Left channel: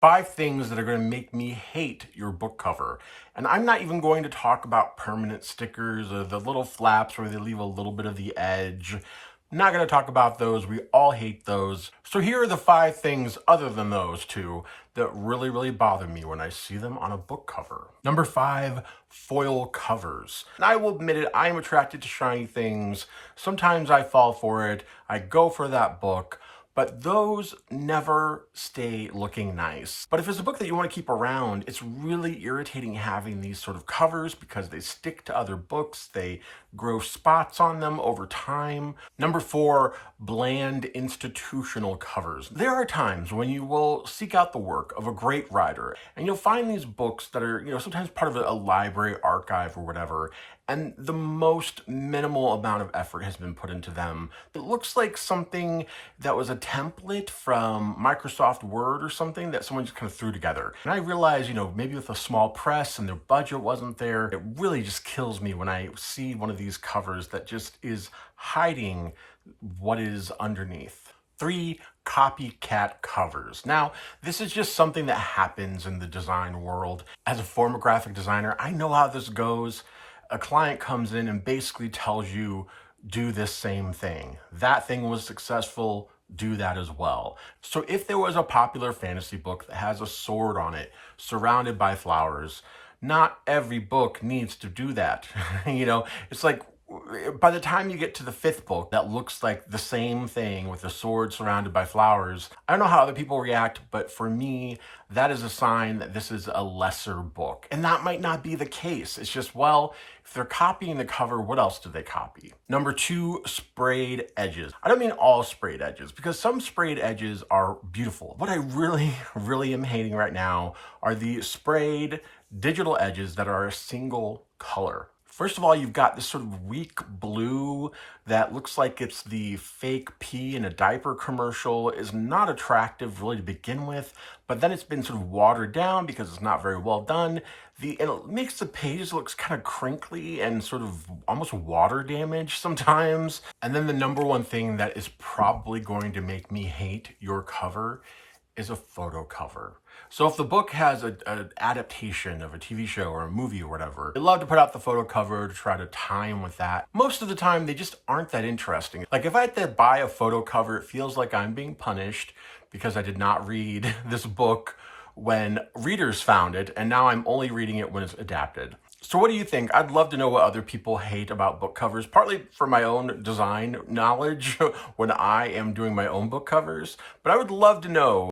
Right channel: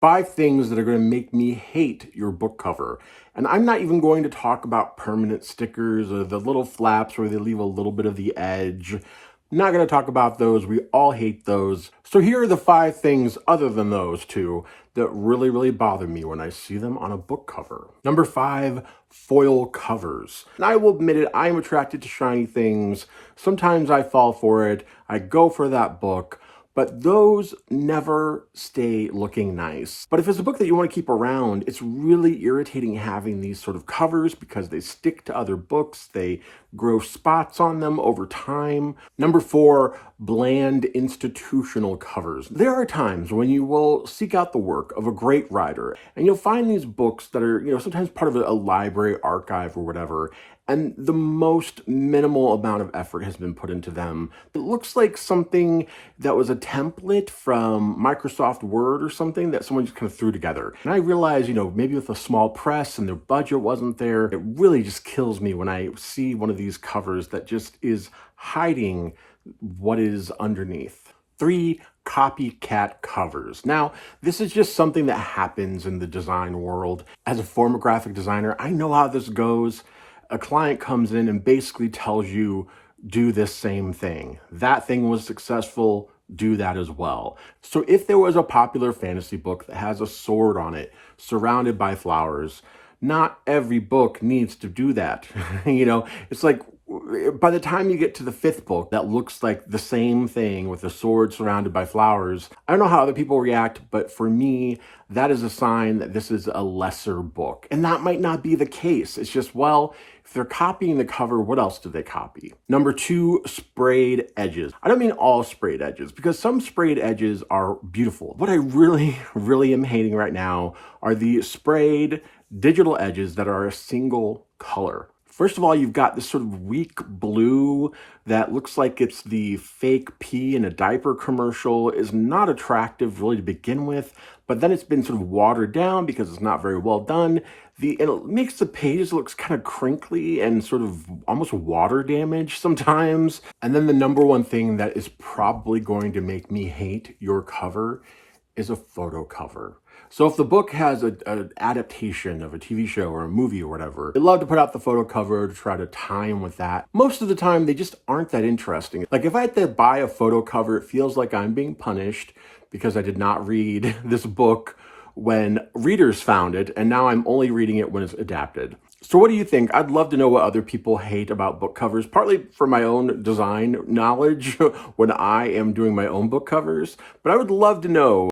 5 things that are going to make me hate your book cover. And I'm not even going to talk about permanent stickers or the little flaps where they leave a little bit of the edge. I'm not going to talk about those. We all hate those. So here are the 5 things other than those two that really bother me when I see them on a book cover. Number 5, foil covers. And I will admit it, I am attracted to shiny things. Sometimes I fall for it. I go for that book. But those never stay looking nice. But if it's a book that you want to keep around, it's really irritating having these sort of covers because they stick to other books. They grow spots on them over time. Number 4, bland institutional covers. There are times when you will seek out the work of a great writer and you'll find these books that are, sometimes part of a library archive or whatever, and the most minimal amount of effort has been put into them. It looks like something that was a template from Microsoft Word or something that someone just kind of threw together. And I realize, maybe with a small press and their budget wasn't there, it really just kills me when I see one of these covers that just is hiding what is underneath. 3, copycat covers. Now, this is just something that happens in the design world. As a former graphic designer, I know how this goes. A client comes in and basically tells you, do this same thing. That thing was successful, do that as well. So if there was a popular fantasy book that has a sword on it, surrounded by flowers, not every book needs to do that. It's like, by the time you get to the 5th book that looks like the same thing with a sword surrounded by flowers, I don't know how other people react, but for me, that is a sign that this is a lesser book. And that might not be the case. It's just, well, if they're copying the cover, what else do they copy? Number 2, sprayed edges. I don't mean all sprayed edges, because some sprayed edges are beautiful. What I really am hating right now are the sprayed digital edges that are a single color. First of all, you've got this sort of weak blue that looks like it's the fake pee in a diaper commercial. Is not attractive really to begin with, but then it's been sort of watered down because it's not very well done. And it makes the pages look kind of crinkly and sort of almost water damaged sometimes. And then the number one thing that is probably going to make me hate your cover is a photo cover. So if the book has an adaptation of a TV show or a movie or whatever, they love to put out the photo cover to try to tie in with that. Most of the time, they just aren't that interesting. Like if I had to buy a photo cover, it feels like I'm being punished because I did not read this book when readers found it, and now I'm only reading it when it's adapted. So what do you think? I'd love to know what other people hate about book covers, partly for my own design knowledge when I am doing my own book covers, but I would love to know